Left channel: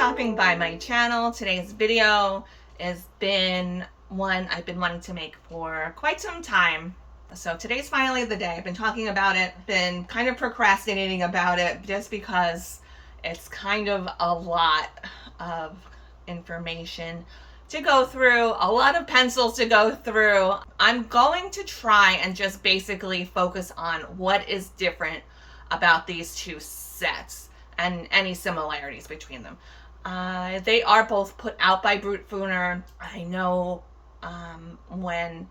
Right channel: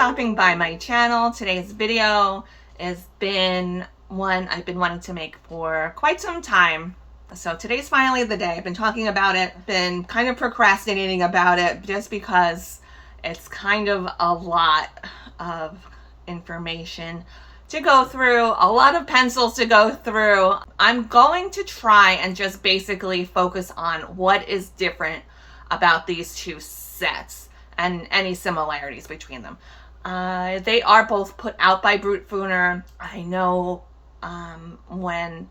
stopping by my channel. Today's video has been one I've been wanting to make for quite some time. So today's finally the day. I've been talking about it, been kind of procrastinating about it just because it's kind of a lot of information to go through, a lot of pencils to go through. I'm going to try and just basically focus on what is different about these two sets and any similarities between them. They are both put out by Brutfuner. I know when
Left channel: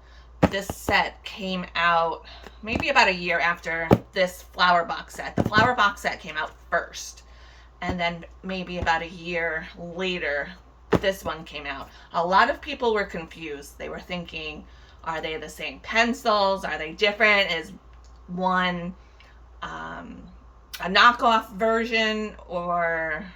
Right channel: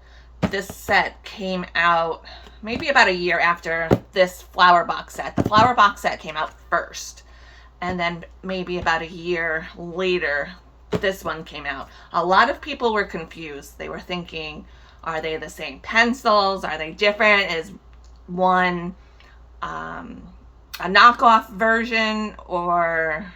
this set came out, maybe about a year after this flower box set. The flower box set came out first, and then maybe about a year later, this one came out. A lot of people were confused. They were thinking, are they the same pencils? Are they different? Is one a knockoff version, or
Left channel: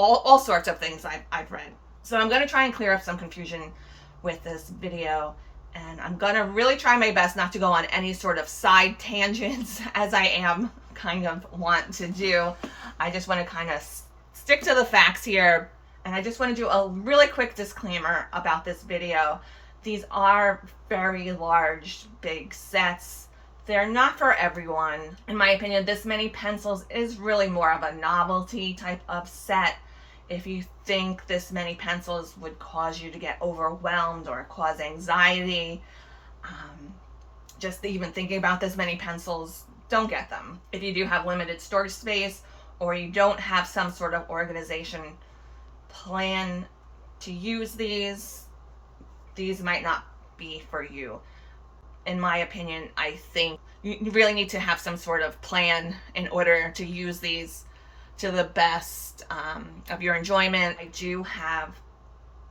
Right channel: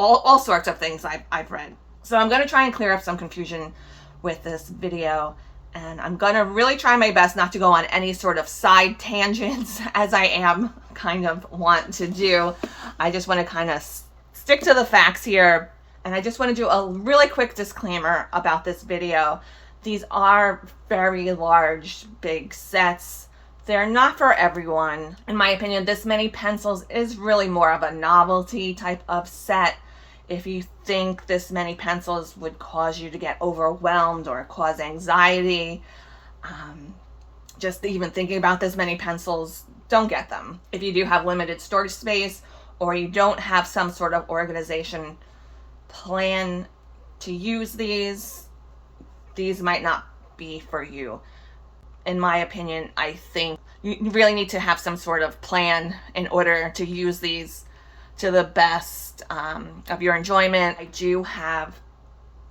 all sorts of things I've read. So I'm going to try and clear up some confusion with this video, and I'm going to really try my best not to go on any sort of side tangents as I am kind of want to do. I just want to kind of stick to the facts here, and I just want to do a really quick disclaimer about this video. These are very large, big sets. They're not for everyone. In my opinion, this many pencils is really more of a novelty type of set. If you think this many pencils would cause you to get overwhelmed or cause anxiety, just even thinking about this many pencils, don't get them. If you do have limited storage space, or you don't have some sort of organization plan to use these might not be for you. In my opinion, I think you really need to have some sort of plan in order to use these to the best of your enjoyment. I do have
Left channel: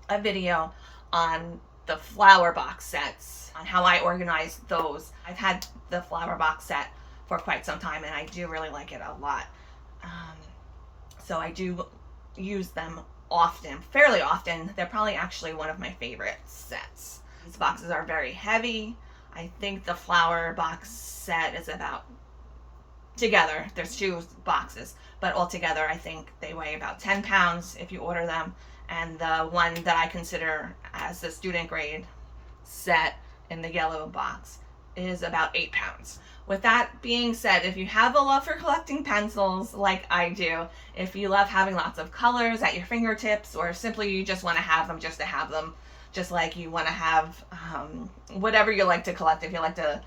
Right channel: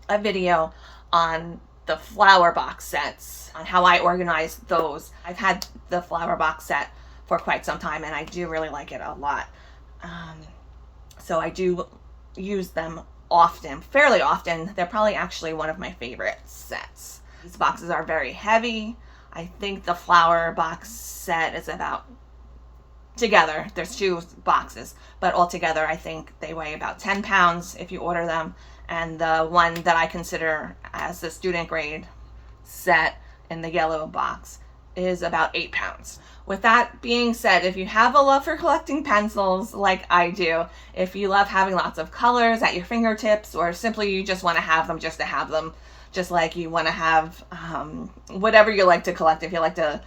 a video on the flower box sets, on how I organize those. I've had the flower box set for quite some time, and I do really like it a lot. So I do use them often, fairly often. They're probably actually one of my favorite sets. These boxes are very heavy. I think the flower box set is about, together, there's two boxes, but altogether I think they weigh about 10 pounds if you order them. And the one that I consider as the student grade set in the yellow box is about 8 pounds. With that being said, if you have a love for collecting pencils like I do, if you love having lots of colors at your fingertips, or simply you just want to have them just to have them, just like you want to have whatever you like to collect. If you like to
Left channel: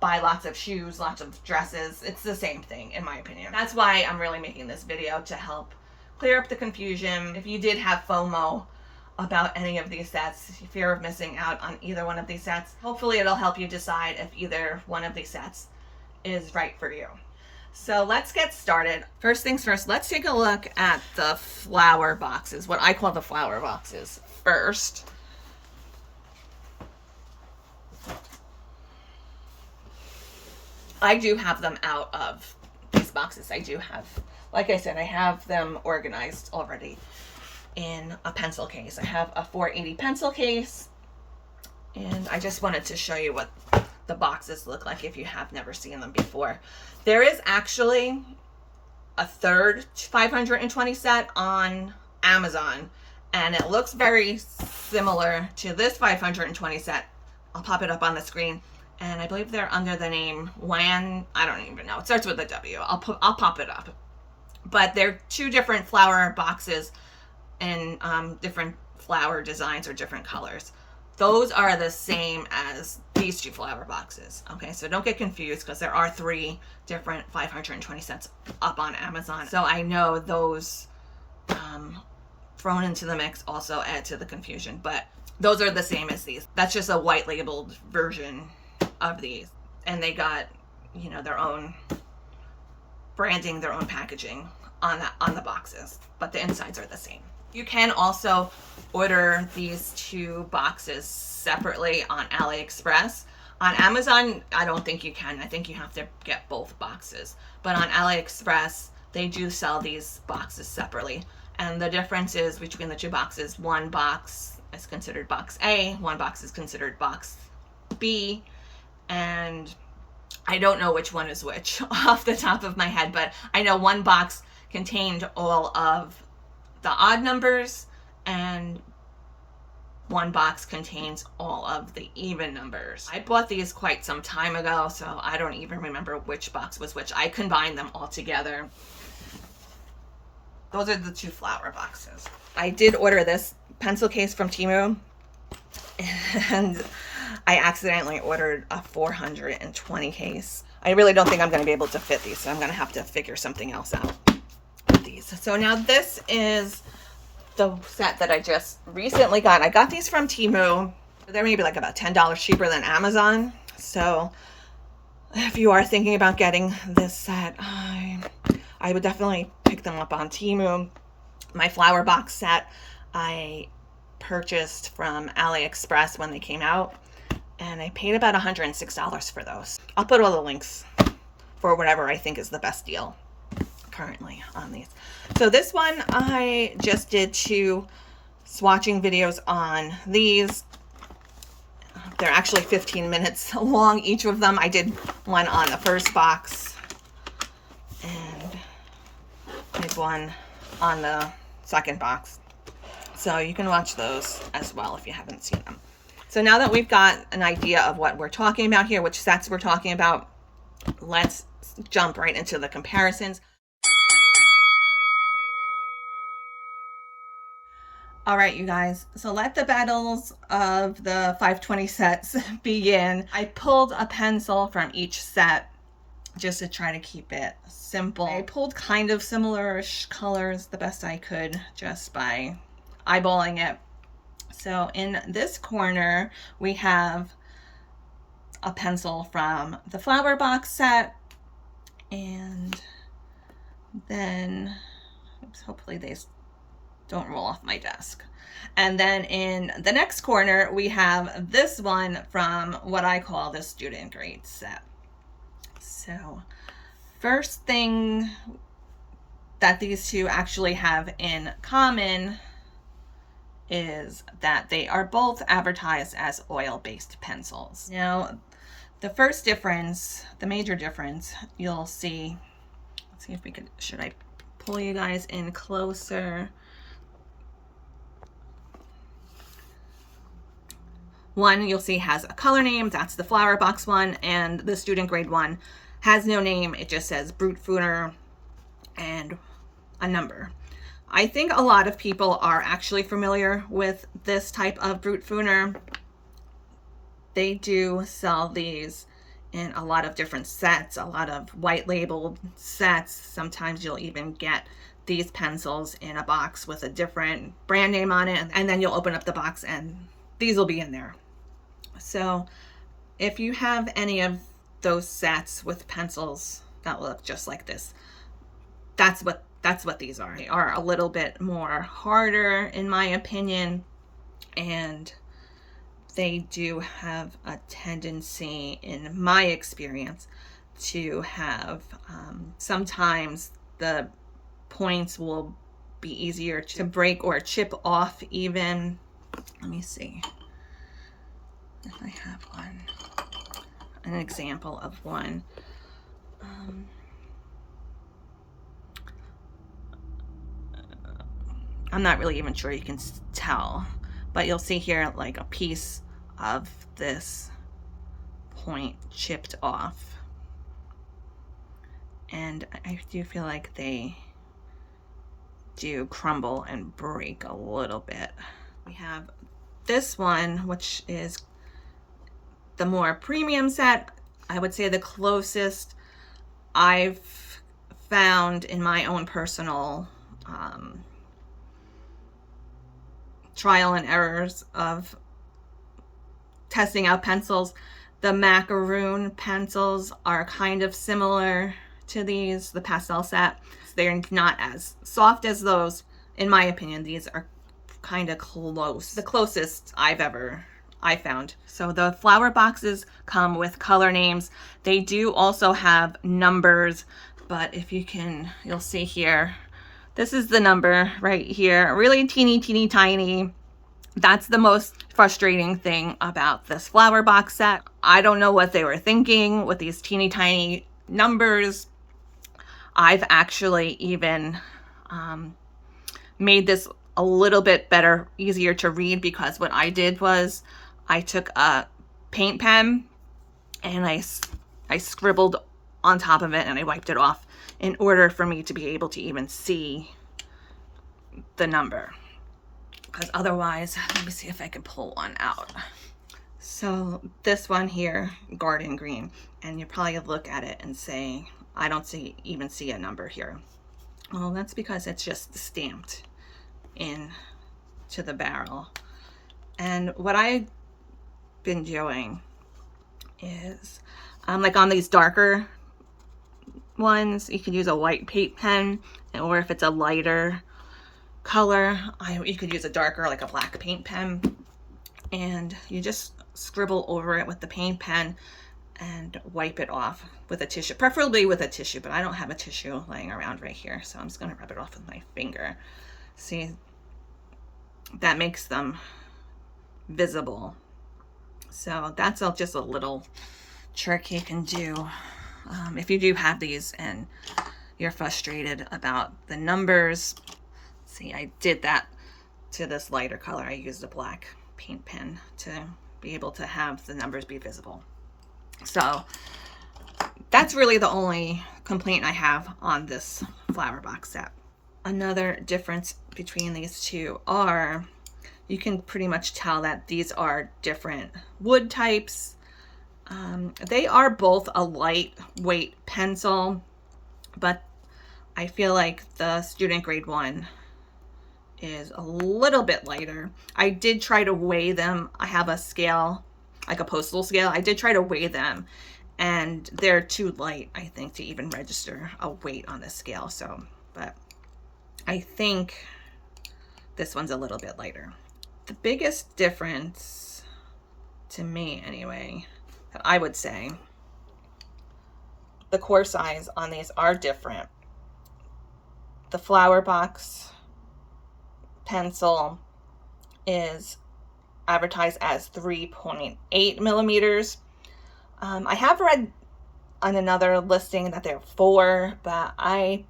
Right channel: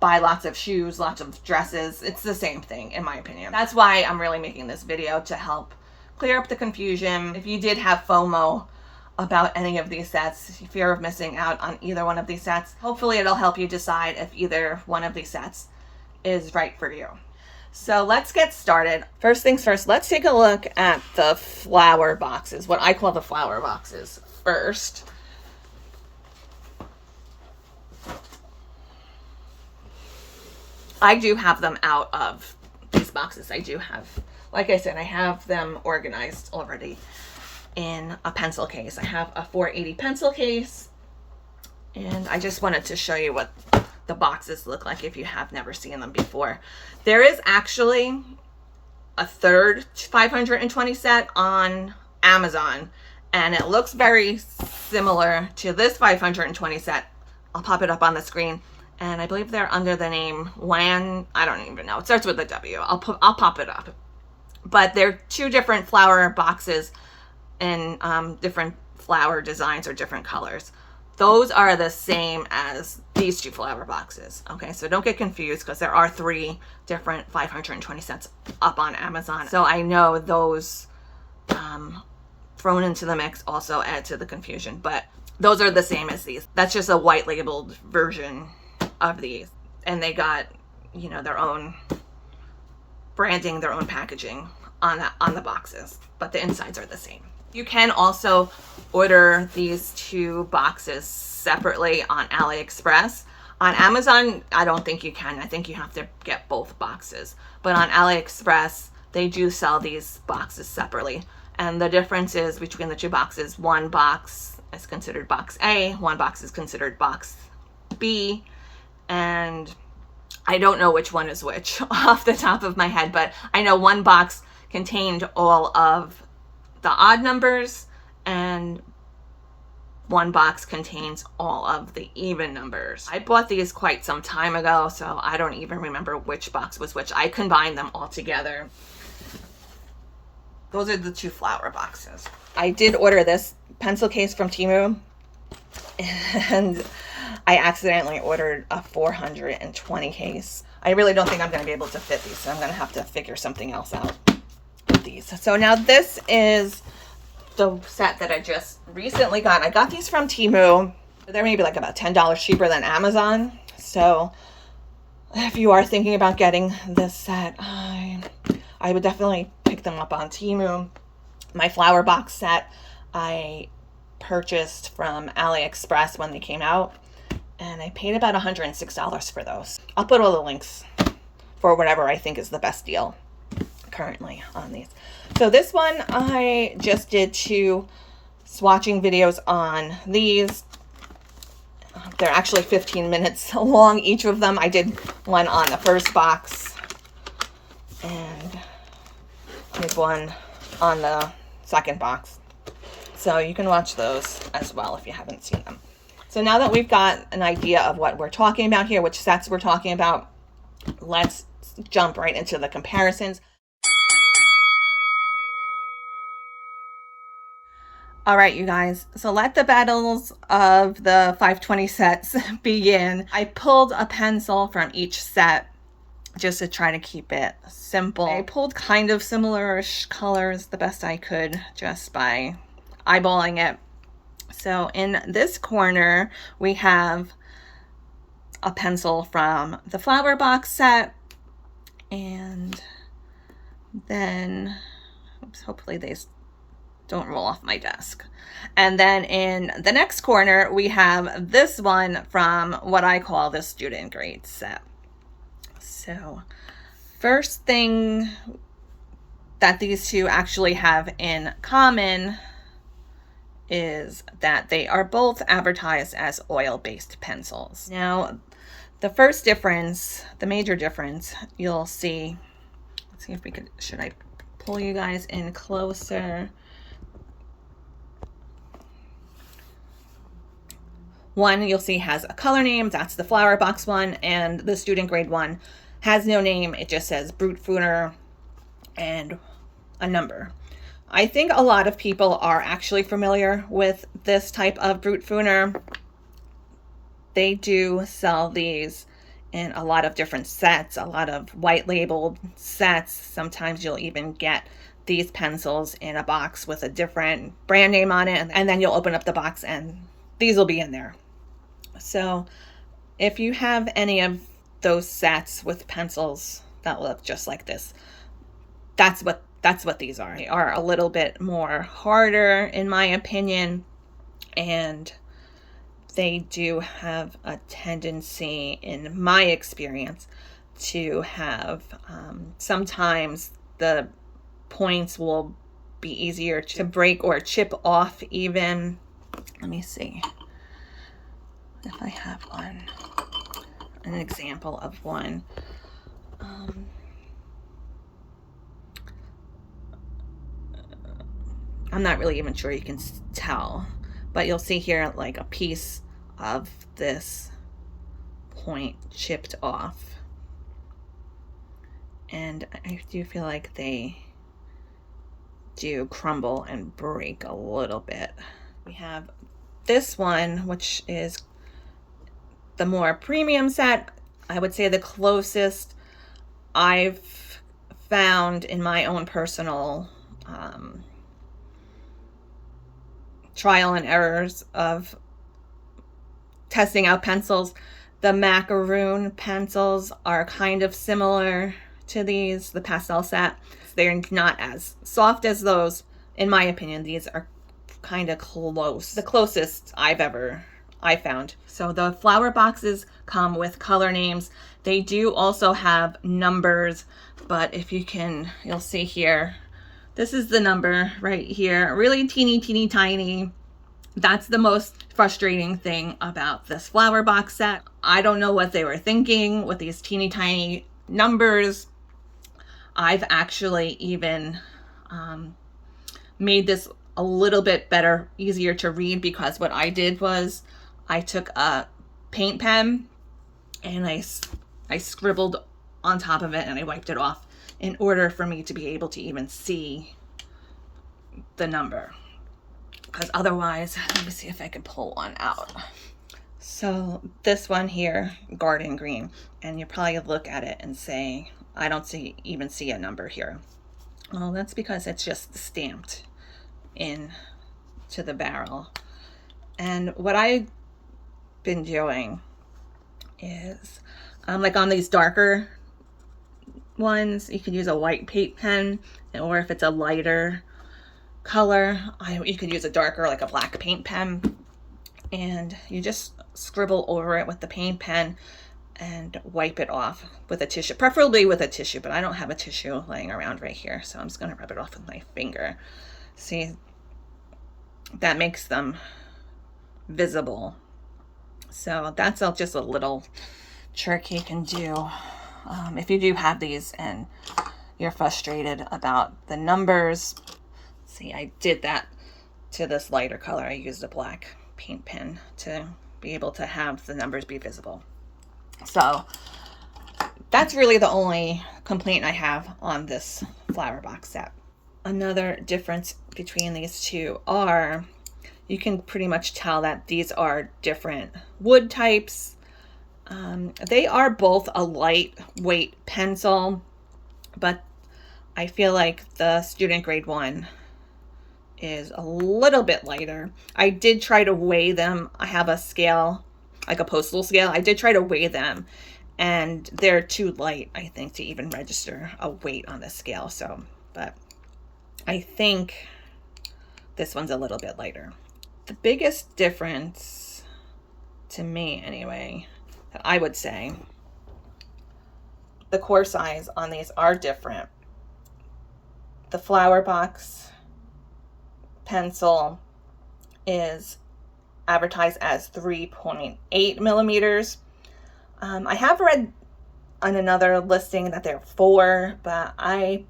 buy lots of shoes, lots of dresses, it's the same thing in my opinion. That's why I'm really making this video, to help clear up the confusion. If you did have FOMO about any of these sets, fear of missing out on either one of these sets, hopefully it'll help you decide if either one of these sets is right for you. So let's get started. First things first, let's take a look at the flower boxes, what I call the flower boxes first. I do have them out of these boxes. I do have, like I said, I have them organized already in a pencil case. I have a 480 pencil case, and I just wanted to show you what the boxes look like if you have never seen them before. There is actually a third 520 set on Amazon, and it looks very similar to this 520 set. I'll pop it up on the screen. And I believe they're under the name WAN. I don't even know. It starts with a W. I'll pop it up. But they're two different flower boxes in different flower designs or different colors. Those are the same as these two flower boxes. Okay, so don't get confused, because there are 3 different 520 sets up on Amazon. So I know those thrown into the mix also add to the confusion. But those are the same as these. That's just a white labeled version of these, and they got, you know, their own branding, their own packaging on the boxes, but the insides are the same. You can also order these two boxes separately on AliExpress. On Amazon, I don't think you can. I think you have to get both boxes, but on AliExpress they do sell these boxes separately, and the difference is between the two boxes, one box is considered box A, one box is considered box B, and I don't know which one is which off the top of my head, but I know one box contained all of the odd numbers, and one box contains all of the even numbers. I bought these quite some time ago, so I don't even remember which box was which. I combined them all together. Those are the two flower boxes. I did order this pencil case from Temu, and I accidentally ordered a 420 case. I really don't think I'm going to be able to fit these, so I'm going to have to figure something else out with these. So now this is the set that I just recently got. I got these from Temu. They're maybe like about $10 cheaper than Amazon. So if you are thinking about getting this set, I would definitely pick them up on Temu. My flower box set I purchased from AliExpress when they came out, and I paid about $106 for those. I'll put all the links for whatever I think is the best deal currently on these. So this one, I just did 2 swatching videos on these. They're actually 15 minutes long, each of them. I did one on the first box and did one on the second box. So you can watch those as well if you haven't seen them. So now that we've got an idea of what we're talking about here, which sets we're talking about, let's jump right into the comparisons. All right, you guys, so let the battles of the 520 sets begin. I pulled a pencil from each set just to try to keep it simple. I pulled kind of similar-ish colors the best I could just by eyeballing it. So in this corner, we have a pencil from the flower box set, and then, oops, hopefully they don't roll off my desk. And then in the next corner, we have this one from what I call the student grade set. So first thing that these two actually have in common is that they are both advertised as oil-based pencils. Now, the first difference, the major difference, you'll see, let's see if we could, should I pull you guys in closer? One you'll see has a color name, that's the flower box one, and the student grade one has no name, it just says Brutfuner and a number. I think a lot of people are actually familiar with this type of Brutfuner. They do sell these in a lot of different sets, a lot of white labeled sets. Sometimes you'll even get these pencils in a box with a different brand name on it, and then you'll open up the box and these will be in there. So if you have any of those sets with pencils that look just like this, that's what these are. They are a little bit more harder in my opinion, and they do have a tendency, in my experience, to have sometimes the points will be easier to break or chip off even. Let me see if I have an example of one. I'm not really even sure you can tell, but you'll see here like a piece of this point chipped off. And I do feel like they do crumble and break a little bit. We have this one, which is the more premium set. I would say the closest I've found in my own personal trial and errors of testing out pencils. The macaroon pencils are kind of similar to these, the pastel set. They're not as soft as those. In my opinion, these are kind of close, the closest I found. So the flower boxes come with color names. They do also have numbers, but if you can, you'll see here, this is the number right here, really teeny tiny. That's the most frustrating thing about this flower box set. I don't know what they were thinking with these teeny tiny numbers. I've actually even made this a little bit better, easier to read, because what I did was I took a paint pen and I scribbled on top of it and I wiped it off in order for me to be able to even see the number. Because otherwise, let me see if I can pull one out. So this one here, garden green, and you probably look at it and say, I don't even see a number here. Well, that's because it's just stamped in to the barrel. And what I've been doing is, like on these darker ones, you could use a white paint pen, or if it's a lighter color, you could use a darker, like a black paint pen, and you just scribble over it with the paint pen and wipe it off with a tissue, preferably with a tissue, but I don't have a tissue laying around right here, so I'm just going to rub it off with my finger. See, that makes them visible. So that's just a little trick you can do if you do have these and you're frustrated about the numbers. See, I did that to this lighter color. I used a black paint pen to be able to have the numbers be visible. So that's really the only complaint I have on this flower box set. Another difference between these two are, you can pretty much tell that these are different wood types. They are both a lightweight pencil, but I feel like the student grade one is a little bit lighter. I did try to weigh them. I have a scale, like a postal scale. I did try to weigh them, and they're too light, I think, to even register a weight on the scale. So, but I think this one's a little bit lighter. The biggest difference, to me anyway, that I would say, the core size on these are different. The flower box pencil is advertised as 3.8 millimeters. I have read on another listing that they're 4, but I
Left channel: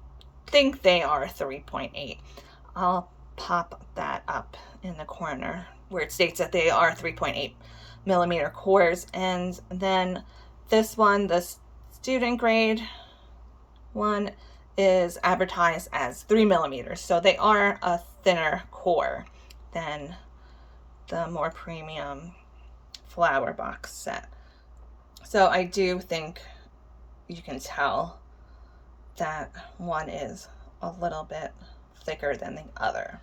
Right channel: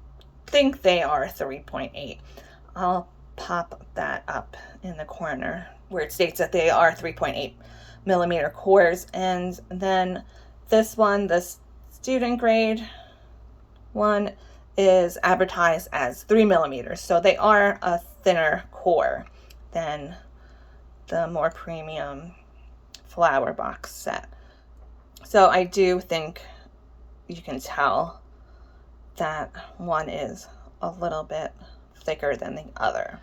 think they are 3.8. I'll pop that up in the corner where it states that they are 3.8 millimeter cores. And then this one, the student grade one, is advertised as 3 millimeters. So they are a thinner core than the more premium flower box set. So I do think you can tell that one is a little bit thicker than the other.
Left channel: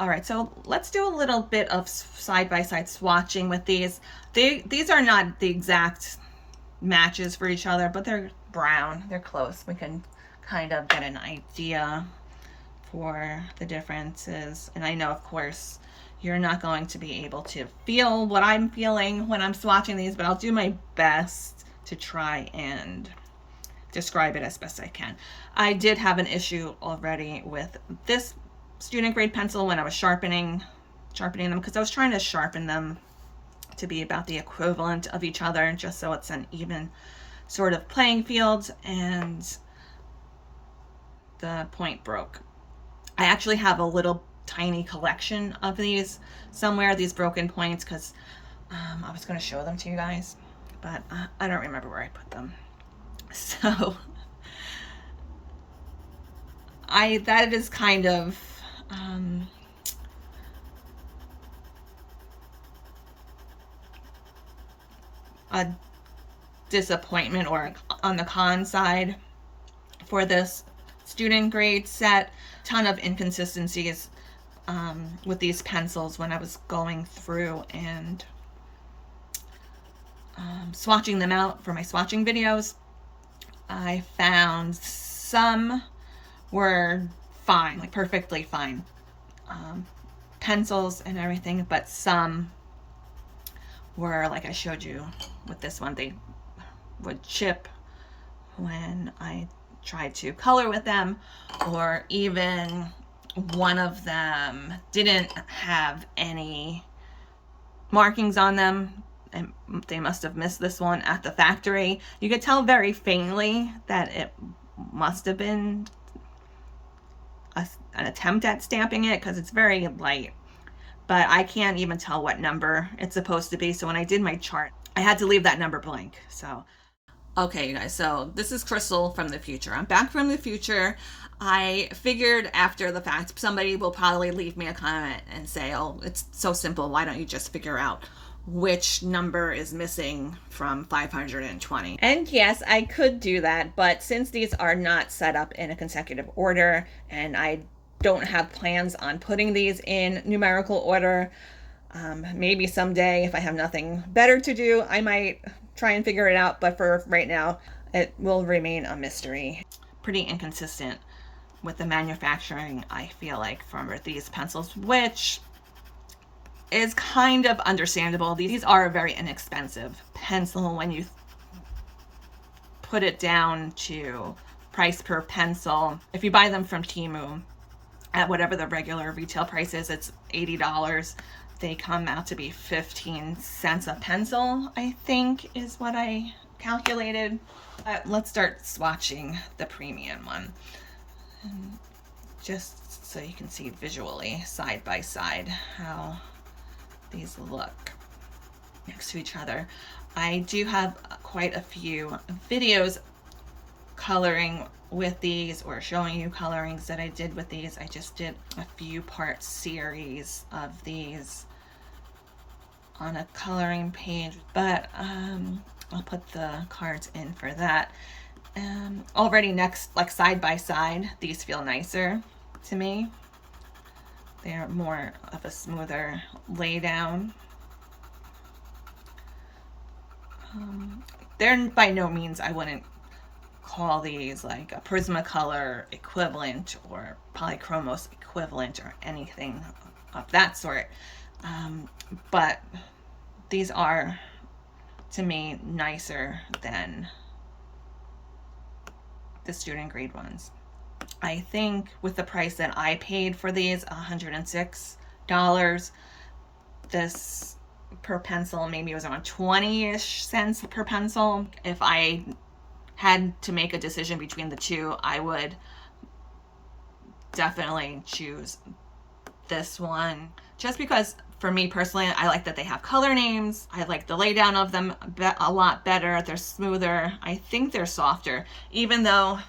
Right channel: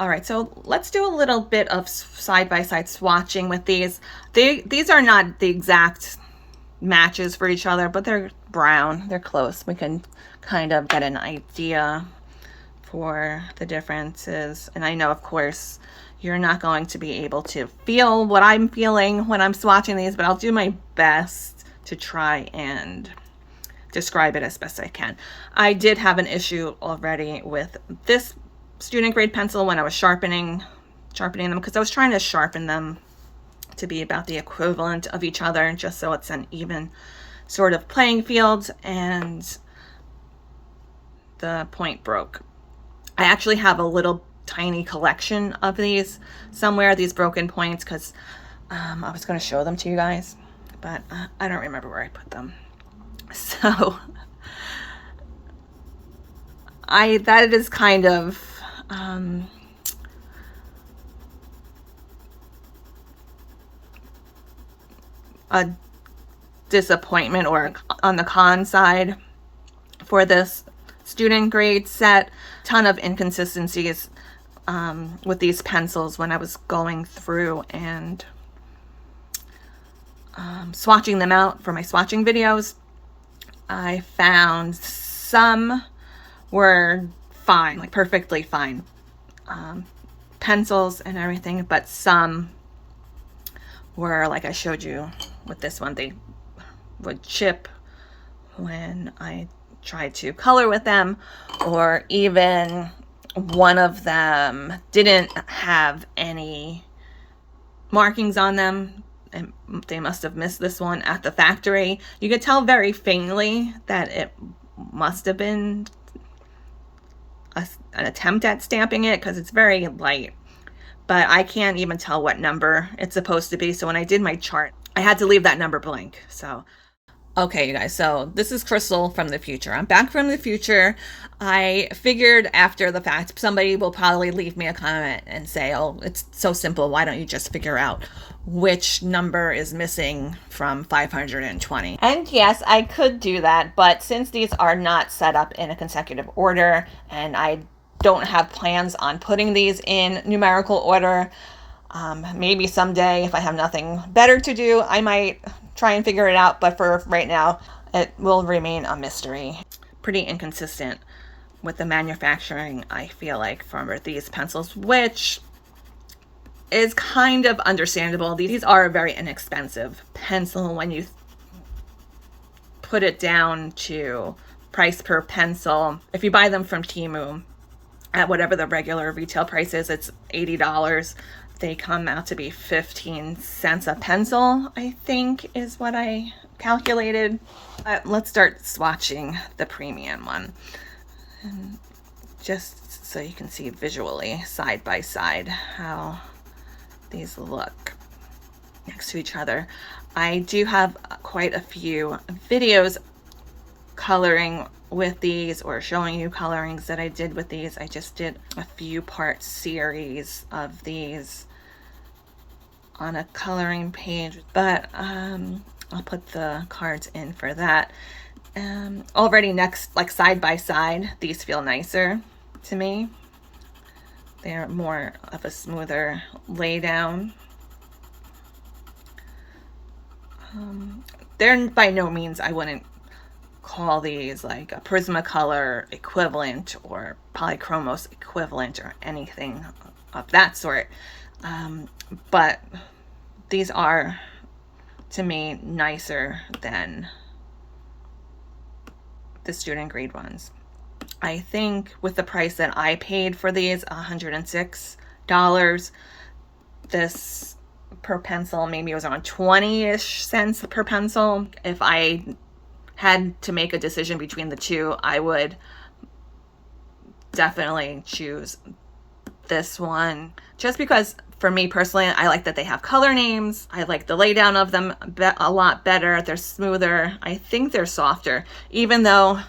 All right, so let's do a little bit of side-by-side swatching with these. These are not the exact matches for each other, but they're brown. They're close. We can kind of get an idea for the differences. And I know, of course, you're not going to be able to feel what I'm feeling when I'm swatching these, but I'll do my best to try and describe it as best I can. I did have an issue already with this student grade pencil when I was sharpening them, because I was trying to sharpen them to be about the equivalent of each other, just so it's an even sort of playing field, and the point broke. I actually have a little tiny collection of these somewhere, these broken points, because I was going to show them to you guys, but I don't remember where I put them. So that is kind of a disappointment, or on the con side for this student grade set. Ton of inconsistencies with these pencils when I was going through and swatching them out for my swatching videos. I found some were fine, like perfectly fine pencils and everything, but some were, like I showed you with this one, they would chip when I tried to color with them, or even one of them didn't have any markings on them, and they must have missed this one at the factory. You could tell very faintly that it must have been an attempt at stamping it because it's very light, but I can't even tell what number it's supposed to be. So when I did my chart, I had to leave that number blank. So okay, you guys, so this is Crystal from the future. I'm back from the future. I figured after the fact, somebody will probably leave me a comment and say, oh, it's so simple. Why don't you just figure out which number is missing from 520? And yes, I could do that, but since these are not set up in a consecutive order and I don't have plans on putting these in numerical order, maybe someday if I have nothing better to do, I might try and figure it out, but for right now, it will remain a mystery. Pretty inconsistent with the manufacturing, I feel like, for these pencils, which is kind of understandable. These are a very inexpensive pencil when you put it down to price per pencil. If you buy them from Temu at whatever the regular retail price is, it's $80. They come out to be 15 cents a pencil, I think is what I calculated. Let's start swatching the premium one. And just so you can see visually, side by side, how these look next to each other. I do have quite a few videos coloring with these or showing you colorings that I did with these. I just did a few part series of these on a coloring page, but I'll put the cards in for that. Already next, like side by side, these feel nicer to me. They're more of a smoother lay down. They're by no means, I wouldn't call these like a Prismacolor equivalent or Polychromos equivalent or anything of that sort. But these are, to me, nicer than the student grade ones. I think with the price that I paid for these, $106, this per pencil, maybe it was around 20-ish cents per pencil. If I had to make a decision between the two, I would definitely choose this one, just because for me personally, I like that they have color names. I like the laydown of them a lot better. They're smoother. I think they're softer, even though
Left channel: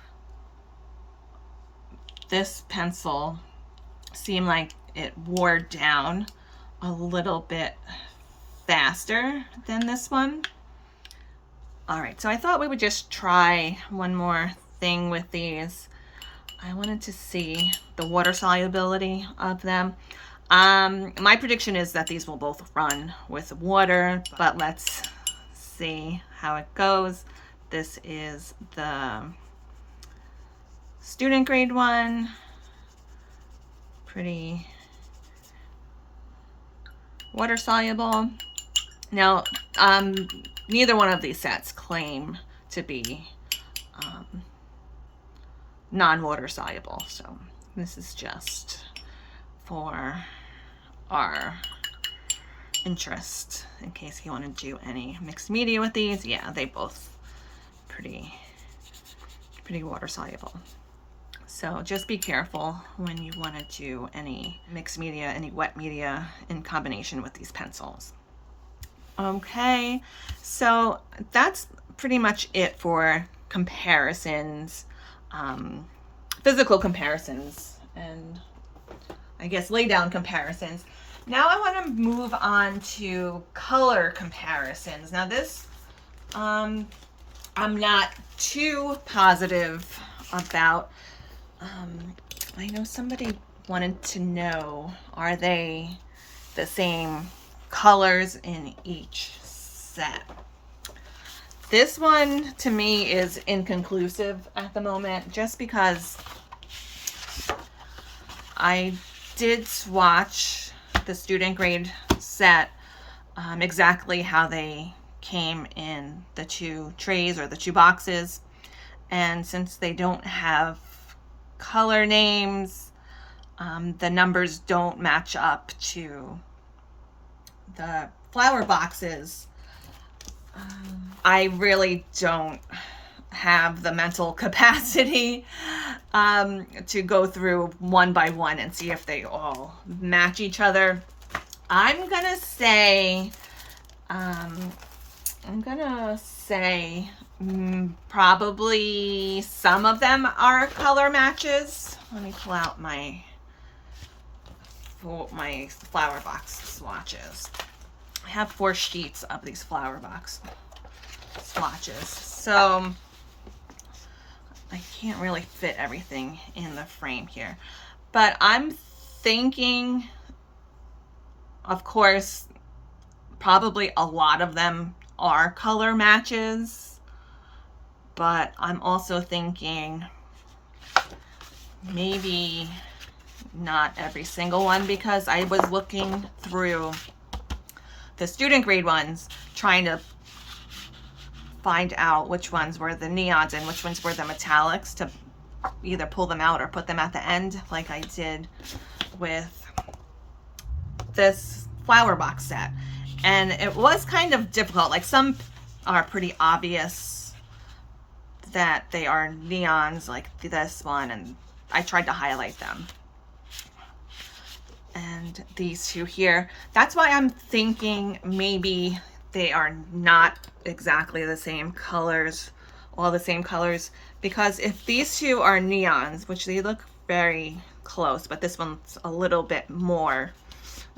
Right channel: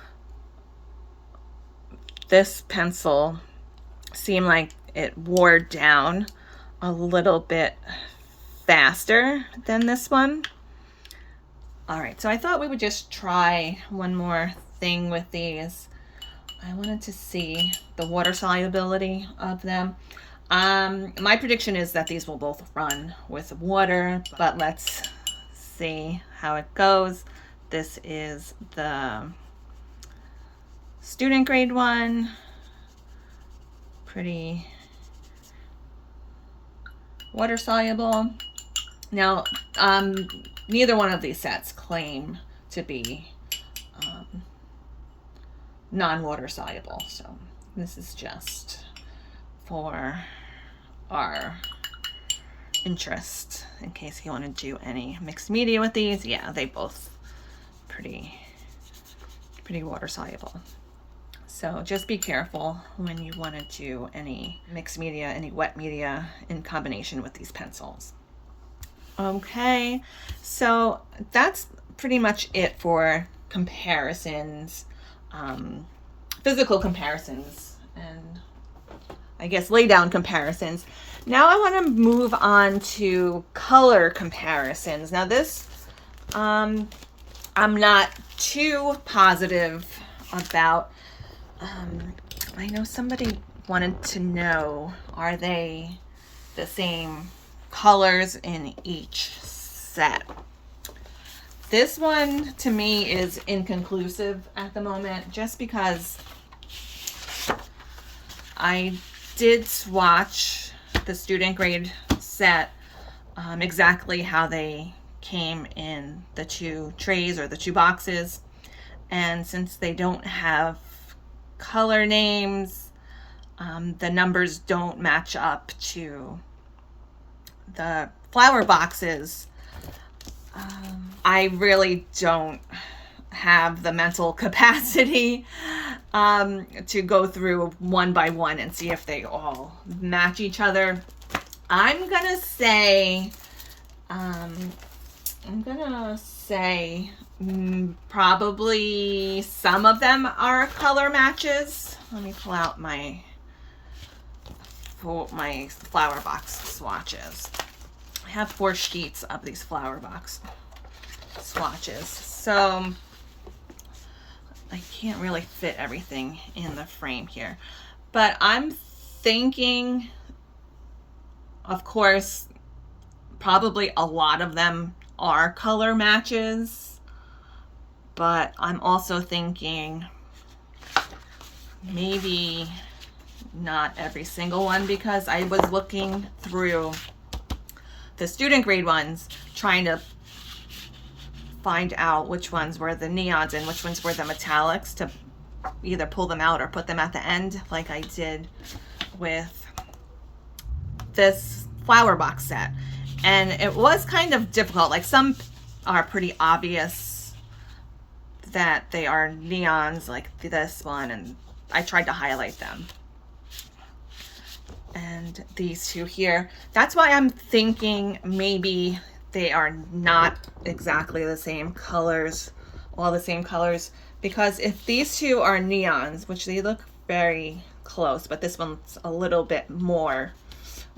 this pencil seemed like it wore down a little bit faster than this one. All right, so I thought we would just try one more thing with these. I wanted to see the water solubility of them. My prediction is that these will both run with water, but let's see how it goes. This is the student grade one. Pretty water soluble. Now, neither one of these sets claim to be non-water soluble, so this is just for our interest in case you want to do any mixed media with these. Yeah, they both pretty water soluble. So just be careful when you want to do any mixed media, any wet media in combination with these pencils. Okay, so that's pretty much it for comparisons, physical comparisons, and I guess lay down comparisons. Now I want to move on to color comparisons. Now this, I'm not too positive about. I know somebody wanted to know, are they the same colors in each set? This one to me is inconclusive at the moment, just because I did swatch the student grade set exactly how they came in the two trays or the two boxes, and since they don't have color names, the numbers don't match up to the flower boxes. I really don't have the mental capacity to go through one by one and see if they all match each other. I'm gonna say probably some of them are color matches. Let me pull out my flower box swatches. I have 4 sheets of these flower box swatches, so I can't really fit everything in the frame here, but I'm thinking, of course, probably a lot of them are color matches, but I'm also thinking maybe not every single one, because I was looking through the student grade ones trying to find out which ones were the neons and which ones were the metallics to either pull them out or put them at the end like I did with this flower box set. And it was kind of difficult. Like, some are pretty obvious that they are neons, like this one, and I tried to highlight them. And these two here, that's why I'm thinking maybe they are not exactly the same colors, all the same colors, because if these two are neons, which they look very close, but this one's a little bit more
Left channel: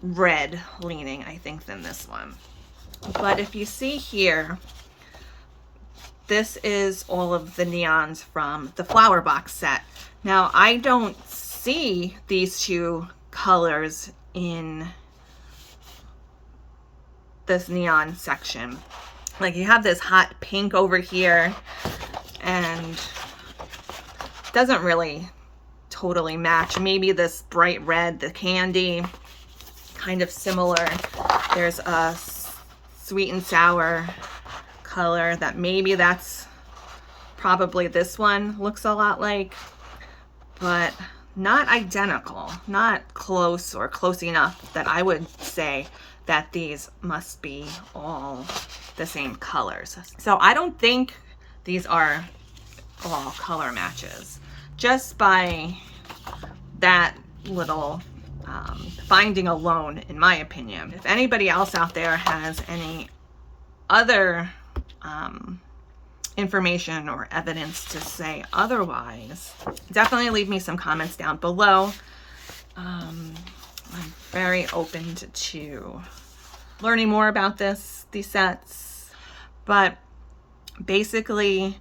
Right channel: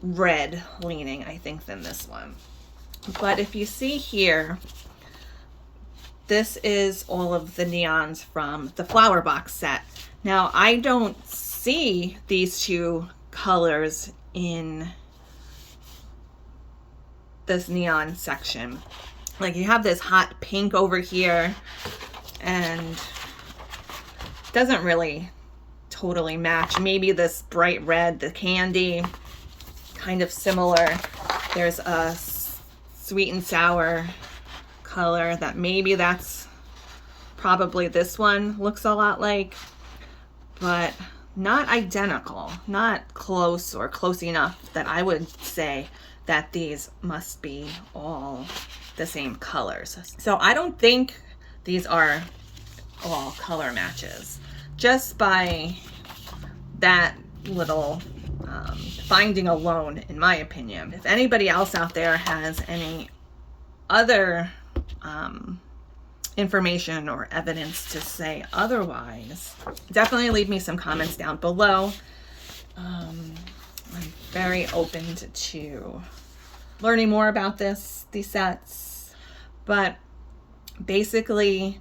red leaning, I think, than this one. But if you see here, this is all of the neons from the flower box set. Now, I don't see these two colors in this neon section. Like, you have this hot pink over here, and it doesn't really totally match. Maybe this bright red, the candy, kind of similar. There's a sweet and sour color that maybe that's probably this one looks a lot like, but not identical, not close or close enough that I would say that these must be all the same colors. So I don't think these are all color matches, just by that little finding alone, in my opinion. If anybody else out there has any other information or evidence to say otherwise, definitely leave me some comments down below. I'm very open to learning more about these sets, but basically,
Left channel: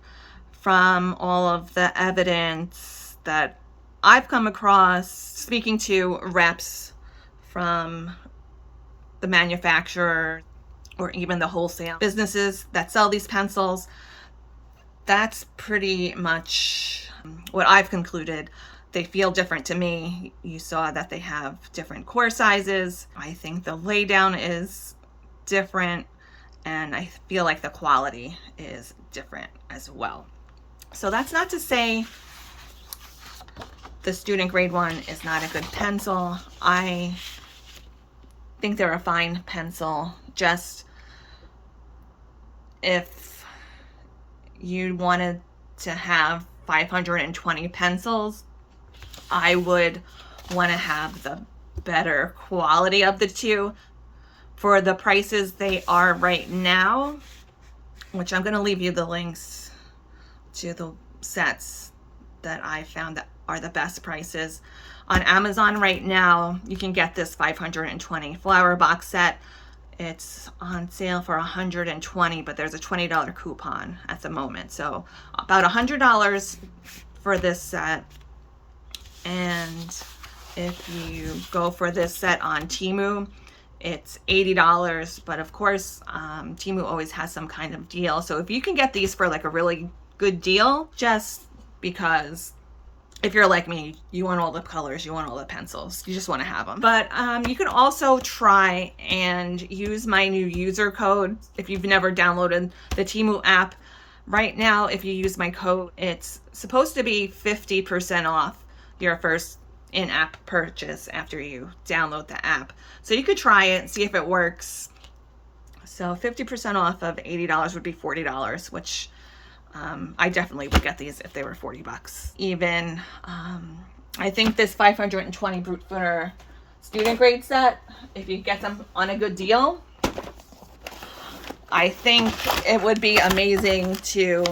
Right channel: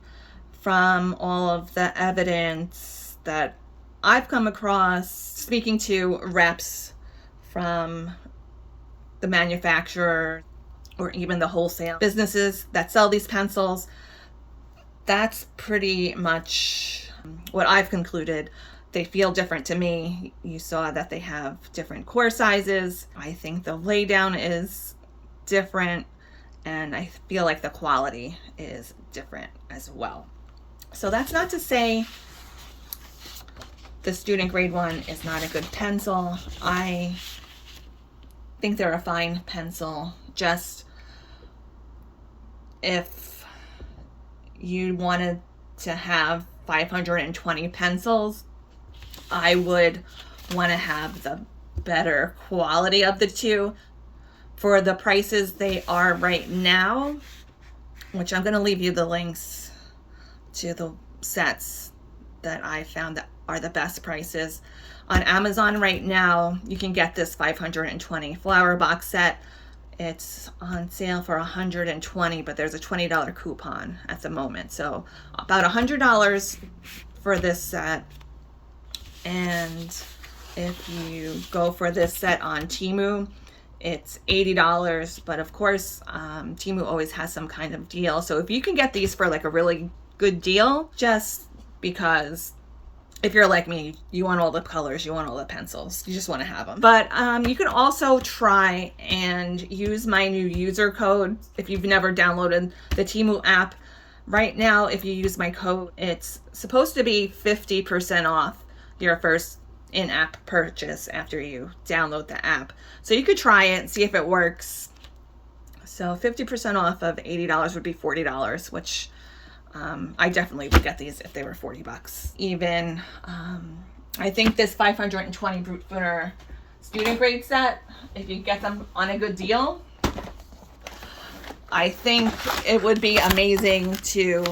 from all of the evidence that I've come across, speaking to reps from the manufacturer or even the wholesale businesses that sell these pencils, that's pretty much what I've concluded. They feel different to me. You saw that they have different core sizes. I think the laydown is different, and I feel like the quality is different as well. So that's not to say the student grade one is not a good pencil. I think they're a fine pencil. Just if you wanted to have 520 pencils, I would want to have the better quality of the two. For the prices they are right now, which I'm going to leave you the links to the sets that I found that are the best prices. On Amazon right now, you can get this 520 flower box set. It's on sale for $120, but there's a $20 coupon at the moment. So about $100 for this set. And if you go for this set on Temu, it's $80, but of course, Temu always has some kind of deal. So if you can get these for like a really good deal, just because if you're like me, you want all the colors, you want all the pencils, you just want to have them. But you can also try and use my new user code if you've never downloaded the Temu app. Right now, if you use my code, it's supposed to be 50% off your first in-app purchase after you download the app. So you could try it and see if it works. So 50% off of $80 would be $40, which I definitely would get these if they were 40 bucks. Even, I think this 520 Brutfuner student grade set, if you get them on a good deal, I think it would be amazing to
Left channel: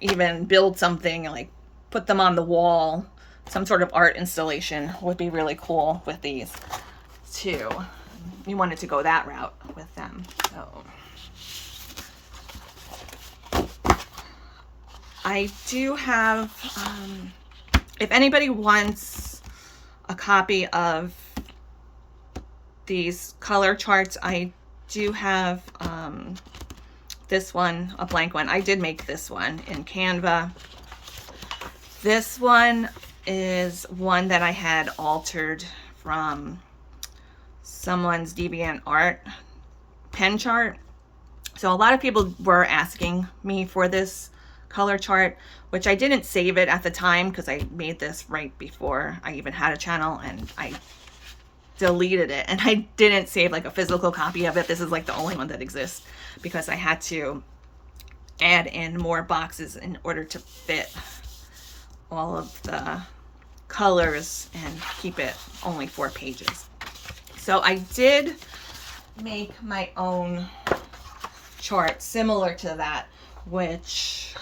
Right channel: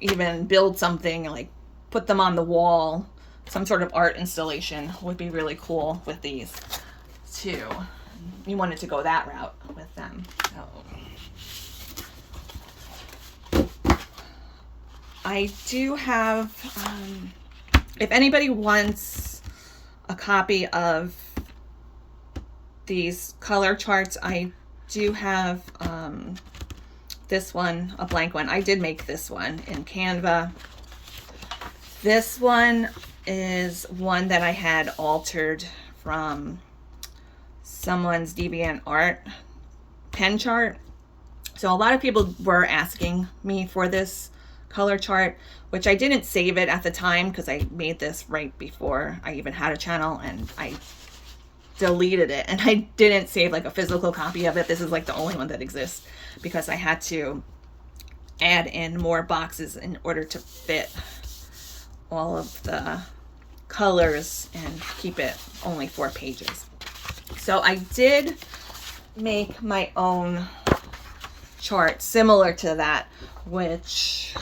even build something, like put them on the wall. Some sort of art installation would be really cool with these too. You wanted to go that route with them. So I do have, if anybody wants a copy of these color charts, I do have this one, a blank one. I did make this one in Canva. This one is one that I had altered from someone's DeviantArt pen chart. So a lot of people were asking me for this color chart, which I didn't save it at the time because I made this right before I even had a channel, and I deleted it, and I didn't save like a physical copy of it. This is like the only one that exists because I had to add in more boxes in order to fit all of the colors and keep it only 4 pages. So I did make my own chart similar to that, which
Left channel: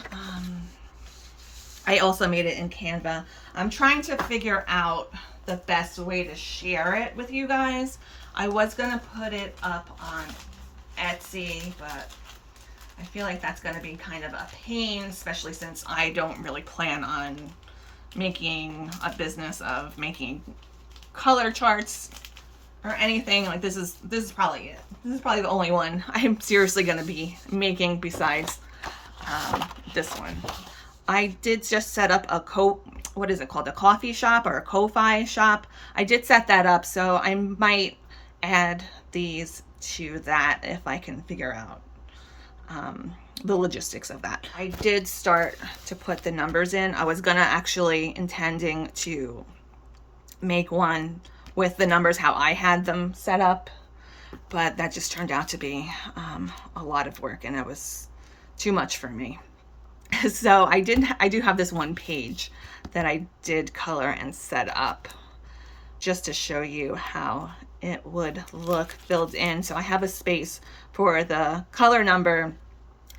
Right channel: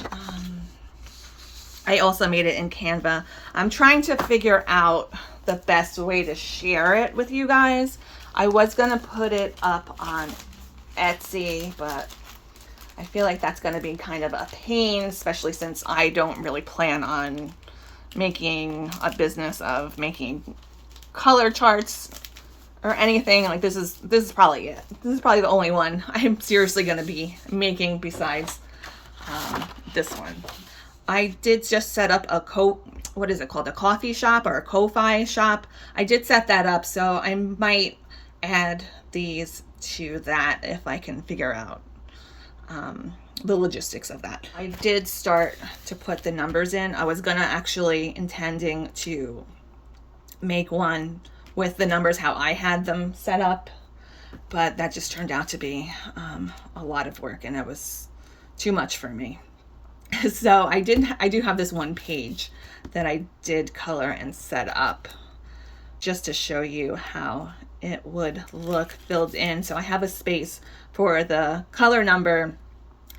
I also made it in Canva. I'm trying to figure out the best way to share it with you guys. I was gonna put it up on Etsy, but I feel like that's gonna be kind of a pain, especially since I don't really plan on making a business of making color charts or anything. Like this is probably it. This is probably the only one I'm seriously gonna be making besides this one. I did just set up a what is it called? A coffee shop or a Ko-Fi shop. I did set that up, so I might add these to that if I can figure out the logistics of that. I did start to put the numbers in. I was gonna actually intending to make one with the numbers how I had them set up, but that just turned out to be a lot of work, and it was too much for me. So I do have this one page that I did color and set up just to show you how it would look filled in. So I have a space for the color number,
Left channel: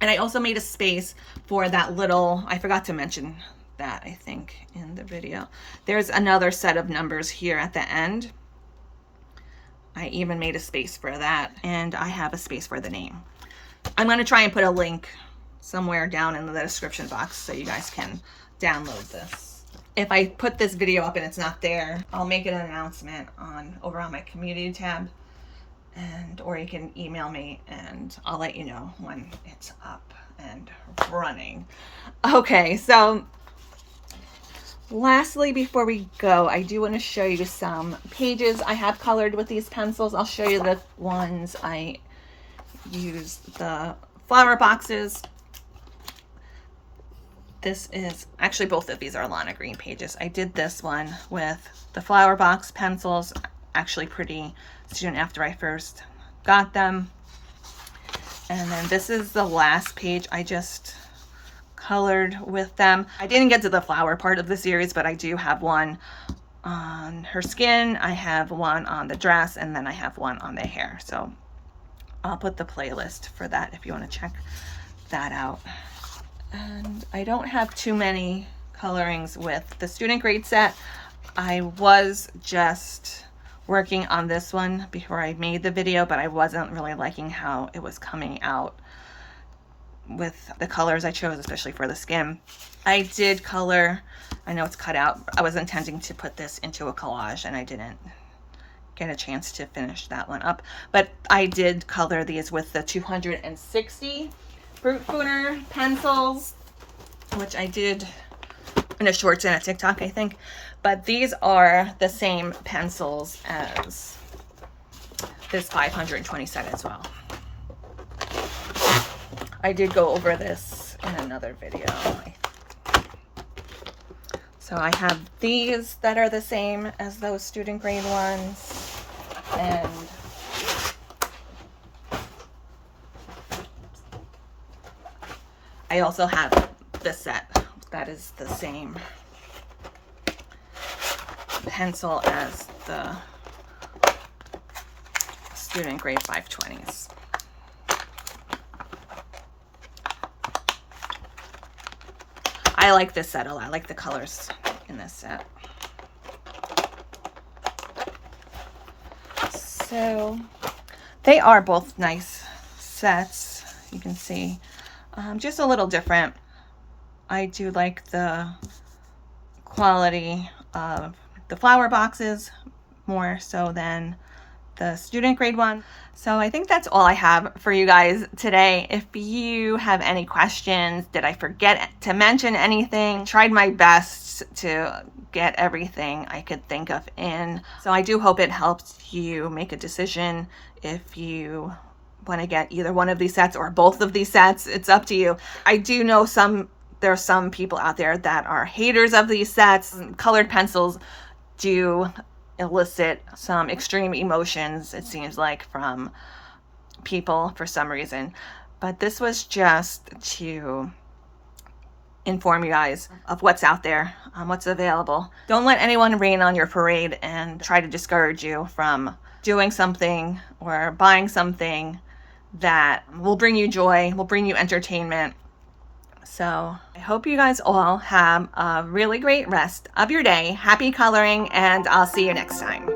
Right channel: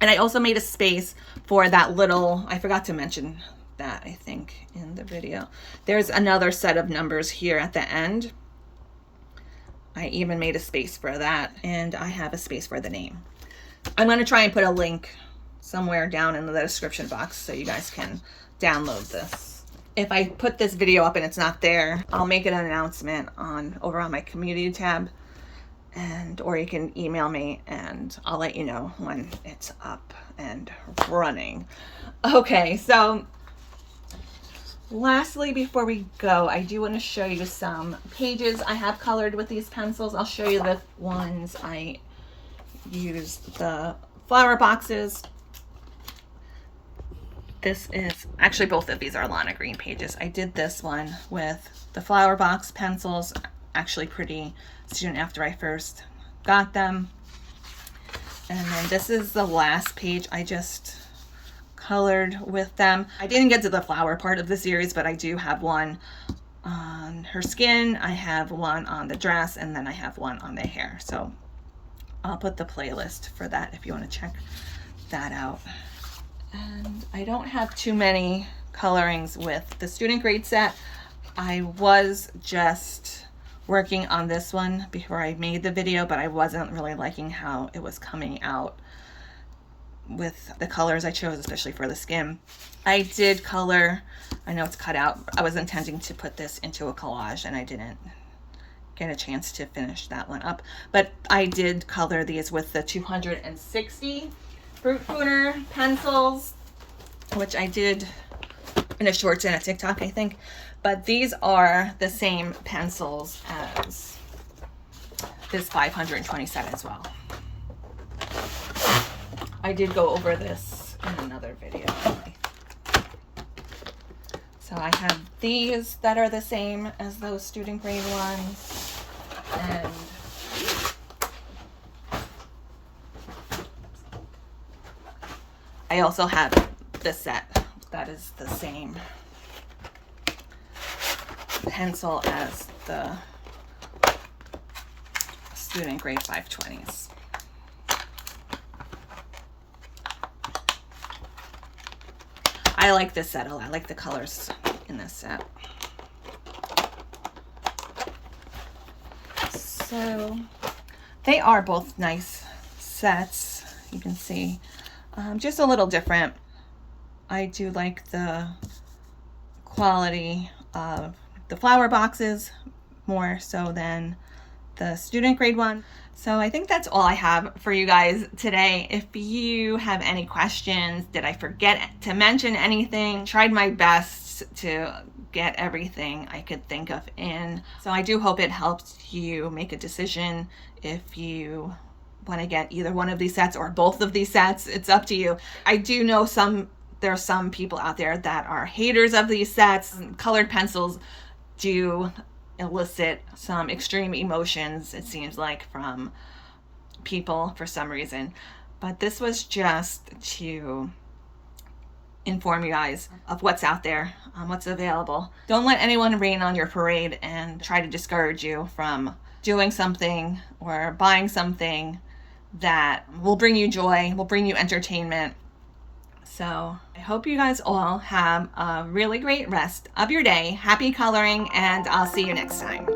and I also made a space for that little, I forgot to mention that, I think, in the video. There's another set of numbers here at the end. I even made a space for that, and I have a space for the name. I'm going to try and put a link somewhere down in the description box so you guys can download this. If I put this video up and it's not there, I'll make an announcement over on my community tab, or you can email me and I'll let you know when it's up and running. Okay, so lastly, before we go, I do want to show you some pages I have colored with these pencils. I'll show you the ones I used, the flower boxes. This is actually, both of these are Lana Green pages. I did this one with the flower box pencils, actually pretty soon after I first got them. And then this is the last page I just colored with them. I didn't get to the flower part of the series, but I do have one on her skin, I have one on the dress, and then I have one on the hair. So I'll put the playlist for that if you want to check that out. And I don't have too many colorings with the student grade set. I was just working on this one before I made the video, but I wasn't really liking how it was coming out with the colors I chose, especially for the skin. I did color, I know it's cut out, I was intending to put this into a collage and I didn't get a chance to finish that one up, but I did color these with the 260 Brutfuner pencils, which I did in a shorts and a TikTok, I think. But these are the same pencils as this 520 set as well. I did go over this in another video. So I have these that are the same as those student grade ones, and I also have this set. That is the same pencil as the student grade 520s. I like this set a lot. I like the colors in this set. So they are both nice sets. You can see just a little different. I do like the quality of the flower boxes more so than the student grade one. So I think that's all I have for you guys today. If you have any questions, did I forget to mention anything? Tried my best to get everything I could think of in. So I do hope it helps you make a decision if you want to get either one of these sets or both of these sets. It's up to you. I do know there are some people out there that are haters of these sets. Colored pencils do elicit some extreme emotions, it seems like, from people for some reason. But this was just to inform you guys of what's out there, what's available. Don't let anyone rain on your parade and try to discourage you from doing something or buying something that will bring you joy, will bring you entertainment. So I hope you guys all have a really great rest of your day. Happy coloring, and I'll see you next time.